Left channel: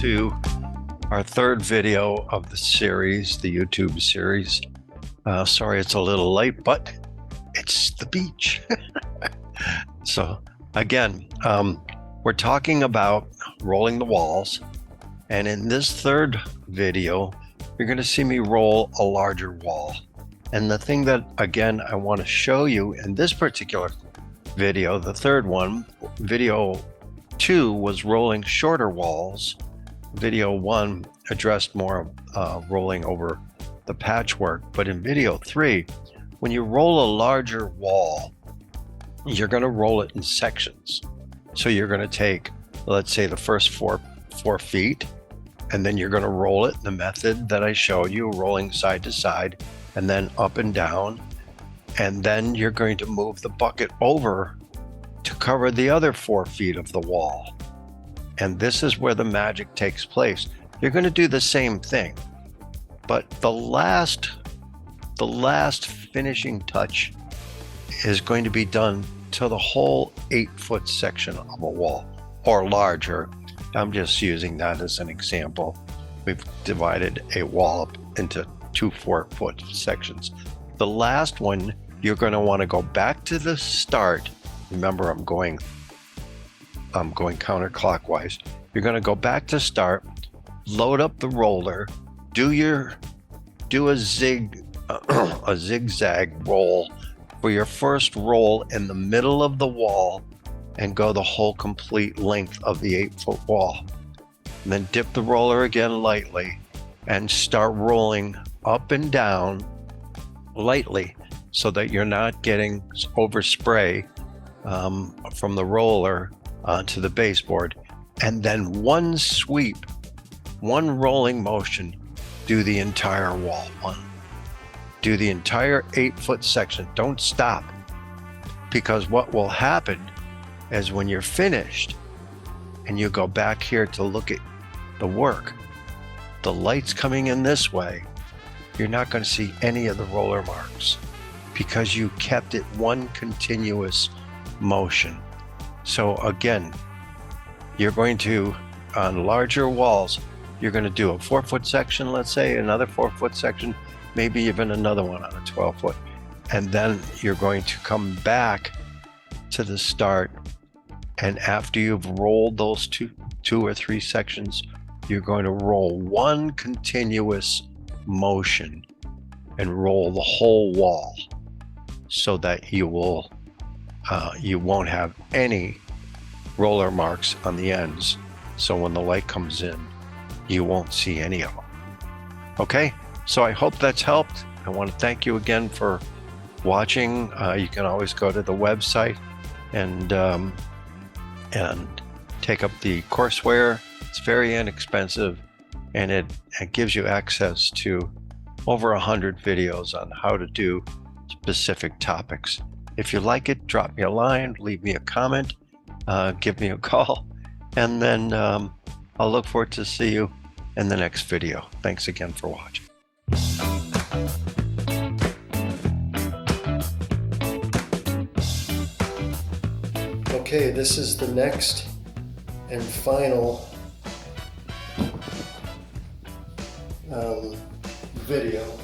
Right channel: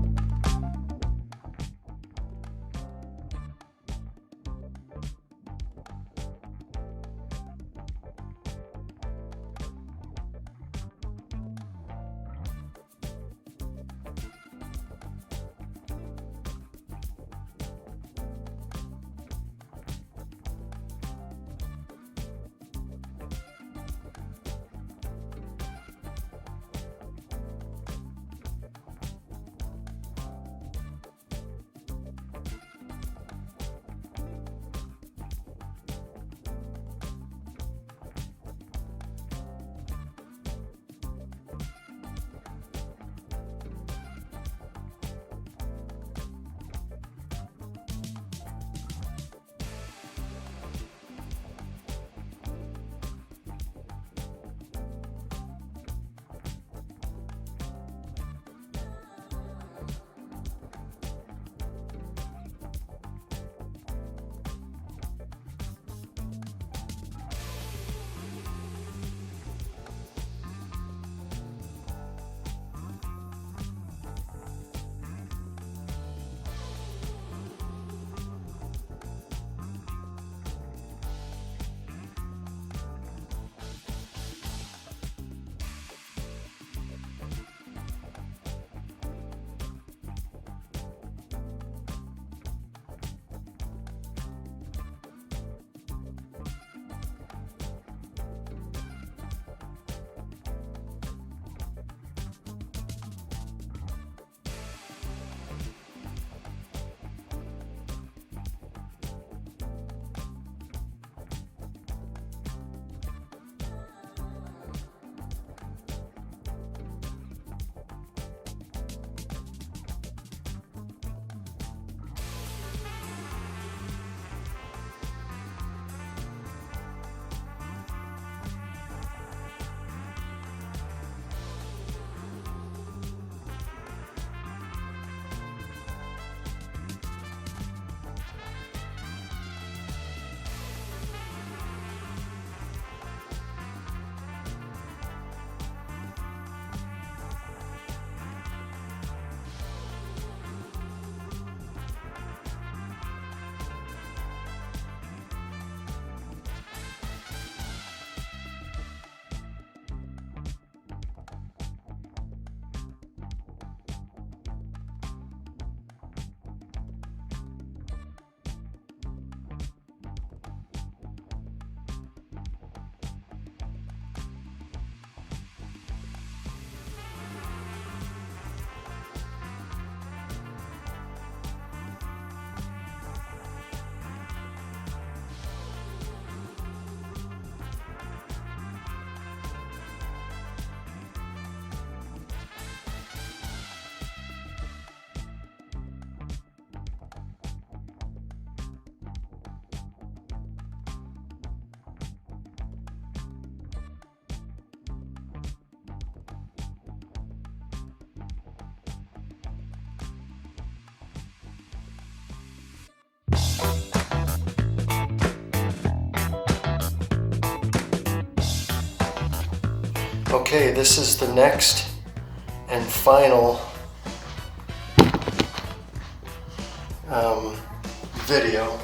to our third video of the series, the YouTube series. Sorry it's a little late, but it's the beach. So again, we're talking about rolling the walls, and in this third video you're going to see me roll a larger wall. And the thing that again I want to show you in this particular video, the third one, video 2 was rolling shorter walls. Video 1 addressed more rolling over the patchwork, but in video 3, when you roll a larger wall, you're going to roll it in sections. So you're going to take, let's say, the first four feet, and then you're going to roll it in the method that I showed you, rolling side to side and then up and down, and then you're going to move the bucket over to cover the other 4 feet of the wall. And this is where the magic takes place. You're going to do the same thing, but the last finishing touch is going to be done to the whole 8-foot section of a wall, or larger. I'm just using that as an example. We've divided a wall up into 2 4-foot sections. The last one, you're going to want to go back to the start. Remember, I'm going counterclockwise. You're going to go back to start, load up the roller, do a zigzag roll for your first roll in the middle of the wall, and go the whole complete length of the 8-foot wall. And then dip the roller again lightly and start rolling up and down lightly so that you're not getting overspray from the roller onto the baseboard. And then one sweep, one rolling motion, do the entire wall. Do the entire 8-foot section. Don't stop, because what will happen is when you're finished and you go back here to look at the work, the light's coming in this way, you're not going to see any of the roller marks because you kept it one continuous motion. So again, you're going to, on larger walls, you're going to do a 4-foot section, let's say, another 4-foot section, maybe even another one on a 12-foot. And then you're going to come back to the start. And after you've rolled those two or three sections, you're going to roll one continuous motion and roll the whole wall, so that you won't have any roller marks on the ends. So when the light comes in, you won't see any of them. Okay, so I hope that's helped. I want to thank you again for watching. You can always go to the website and take up the courseware. It's very inexpensive, and it gives you access to over 100 videos on how to do specific topics. If you like it, drop me a line, leave me a comment, give me a call, and then I'll look forward to see you in the next video. Thanks again for watching. Okay, this is the next and final video.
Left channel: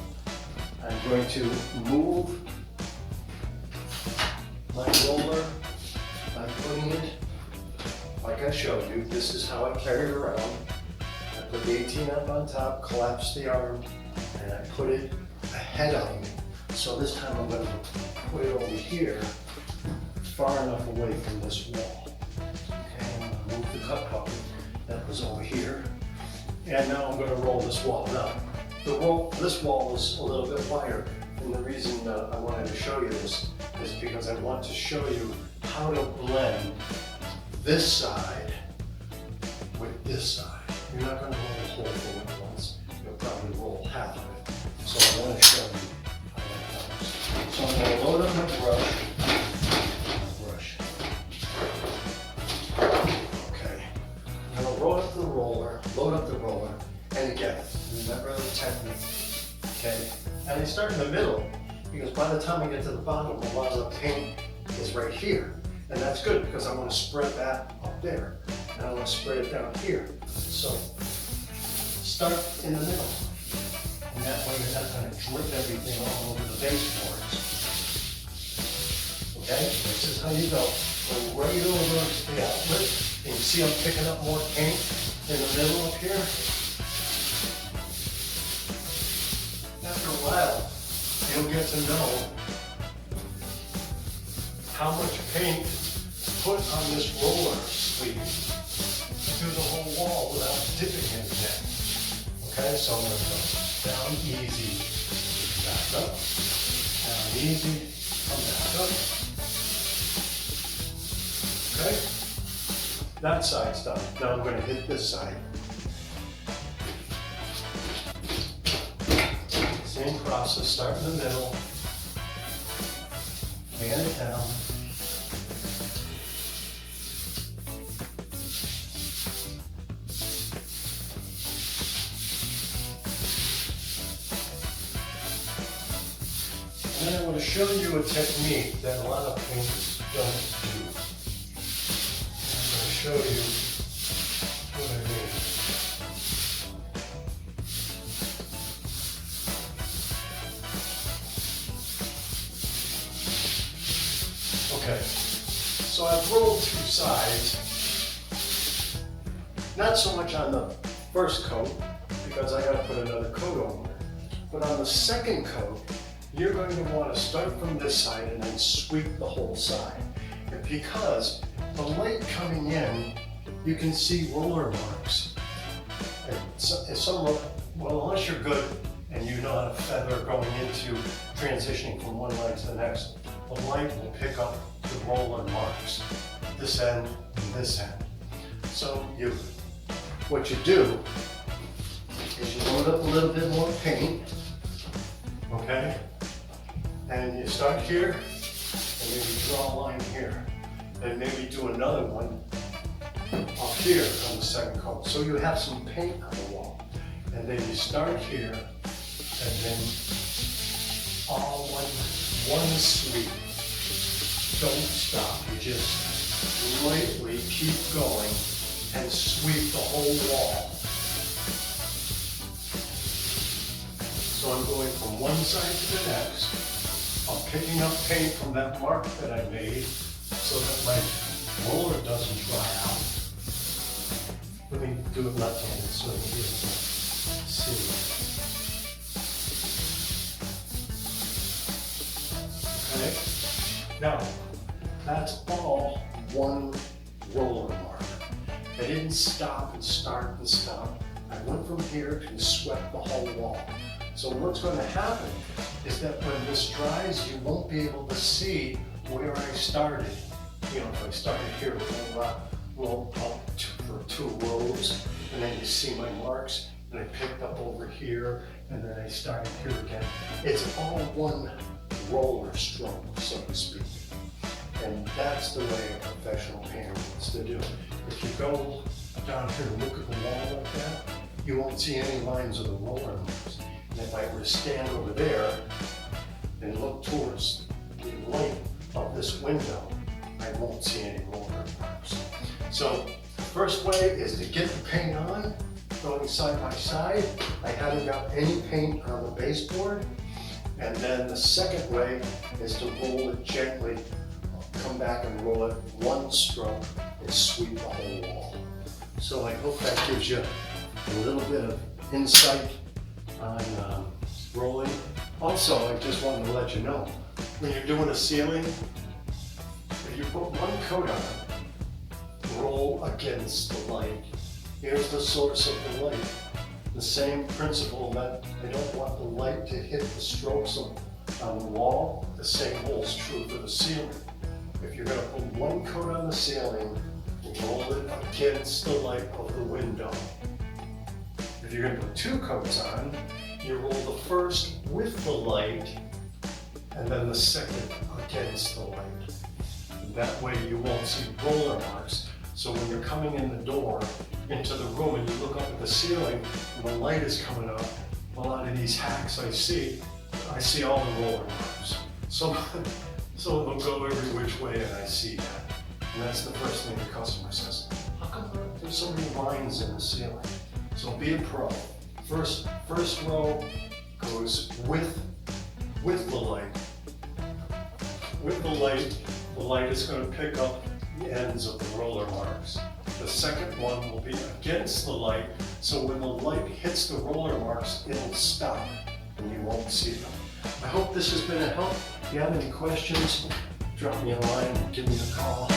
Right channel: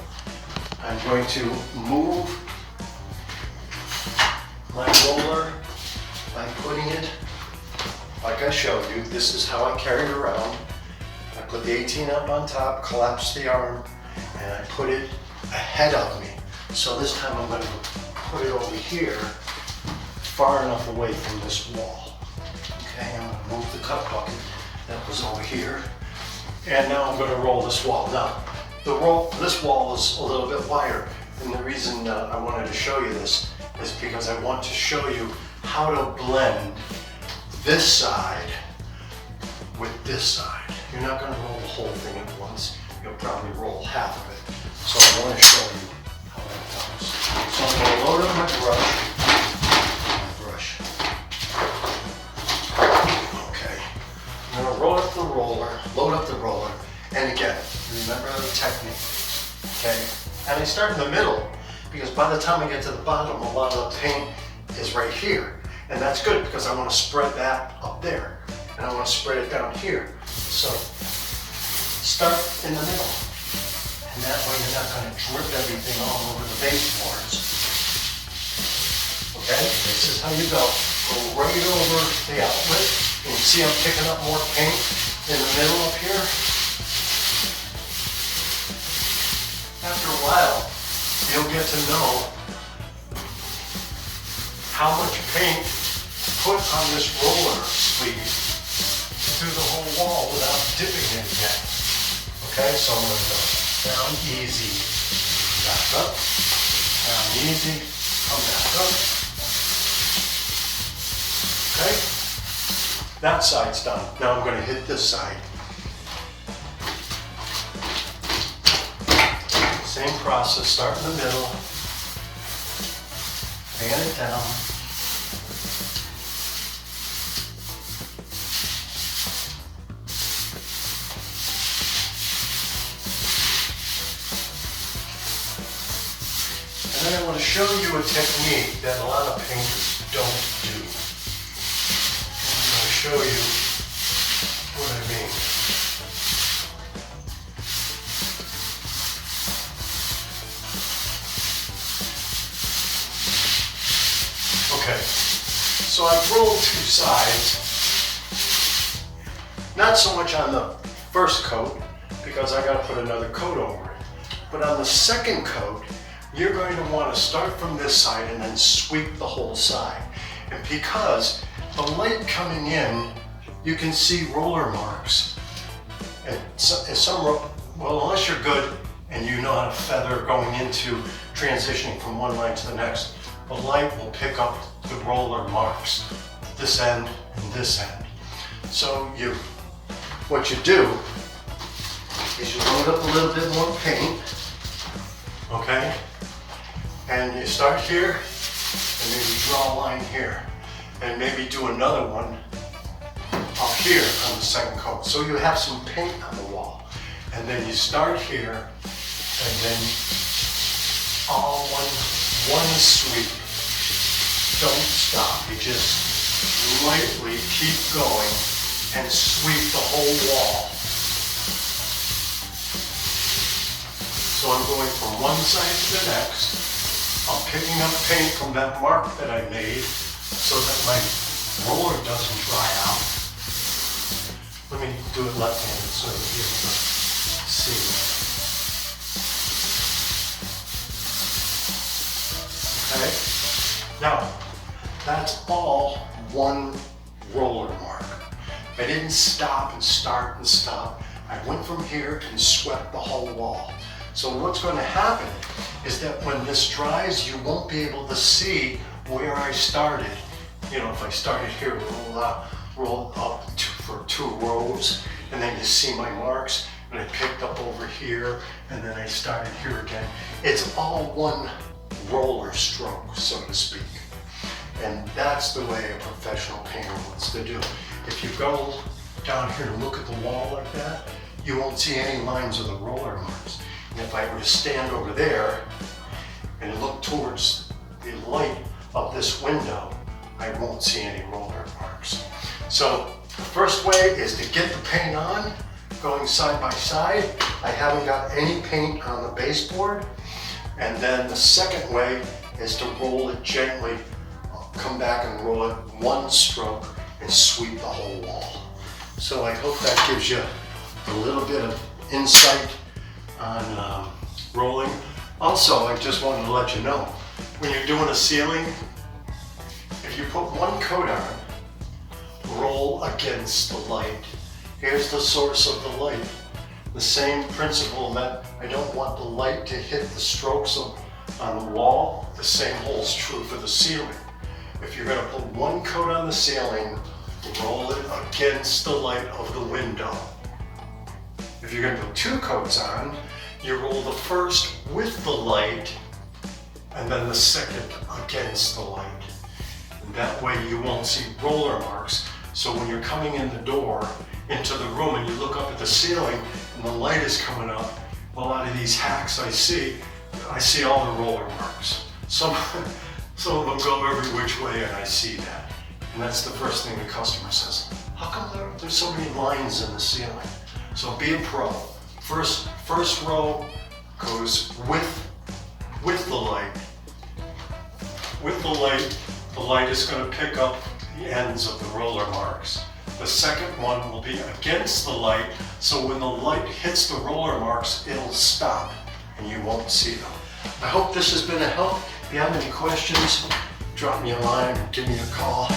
I'm going to move my roller by putting it, like I showed you. This is how I carry it around. I put the 18 up on top, collapse the arm, and I put it ahead of me. So this time I'm going to put it over here, far enough away from this wall. Okay, I'm going to move the cup bucket that was over here, and now I'm going to roll this wall. Now, this wall is a little bit wider, and the reason I wanted to show you this is because I want to show you how to blend this side with this side. You're not going to roll the whole thing at once. You'll probably roll half of it. So I want to show you how that goes. So I'm going to load up my brush. Okay. I'm going to load up the roller, and again, remember the technique, okay? And I start in the middle, because by the time I get to the bottom, a lot of the paint is right here. And that's good, because I want to spread that up there, and I want to spread it down here. So start in the middle. And that way you're not going to drip everything all over the baseboards. Okay, this is how you go. Go right over the outlet. And you see I'm picking up more paint in the middle up here. After a while, you'll get to know how much paint to put on this roller sleeve through the whole wall without dipping it again. Okay, so I'm going to go down easy, back up, down easy, come back up. Okay, that side's done. Now I'm going to hit this side. Same process, start in the middle, fan it down. And then I want to show you a technique that a lot of painters don't do. I'm going to show you what I mean. Okay, so I've rolled two sides, not so much on the first coat because I got to put another coat over it, but on the second coat, you're going to want to start from this side and then sweep the whole side. And because the light coming in, you can see roller marks. And well, unless you're good and you know how to feather going into transitioning from one line to the next, the light will pick up the roller marks, this end and this end. So what you do is you load up a little bit more paint, okay? And you start here and maybe draw a line here and maybe do another one up here on the second coat. So you have some paint on the wall. And then you start here and then all one sweep. Don't stop, you just lightly keep going and sweep the whole wall. So I'm going from one side to the next. I'm picking up paint from that mark that I made so that my roller doesn't dry out. Let me do it left-handed so you'll be able to see. Okay? Now, that's all one roller mark. I didn't stop and start and stop. I went from here and swept the whole wall. So what's going to happen is that when this dries, you won't be able to see where I started. You know, if I started here, roll up for 2 rows, and then you see my marks, and I picked up over here, and then I started here again. It's all one roller stroke, so to speak. And that's the way a professional painter wants to do. If you go down here and look at the wall like that, you won't see any lines of the roller marks. And if I were to stand over there and look towards the light of this window, I won't see any roller marks. So the first way is to get the paint on, going side by side. I haven't got any paint on the baseboard. And then the second way is to roll it gently, come back and roll it one stroke and sweep the whole wall. So I hope that gives you a little bit of insight on rolling. Also, I just wanted to let you know, when you're doing a ceiling, if you put one coat on, roll against the light. Here's the source of the light. The same principle that I don't want the light to hit the strokes on the wall, the same holds true for the ceiling. If you're going to put one coat on the ceiling, roll it against the light of the window. If you're going to put 2 coats on, you roll the first with the light and then the second against the light. And that way you won't see roller marks. So when you're coming in the door into the room and you look up at the ceiling and the light is coming up, a lot of these hacks I see all the roller marks. Some of them go every which way and I see that. And that's the first thing the customer says, how come there's so many lines in the ceiling? So be a pro. First row goes with the light. With the light is going to pick up the ends of the roller marks. The second one will be against the light, so when the light hits the roller marks, it'll stop and you won't see them. I hope this has been a help. If you have any questions, drop me a line, give me a call.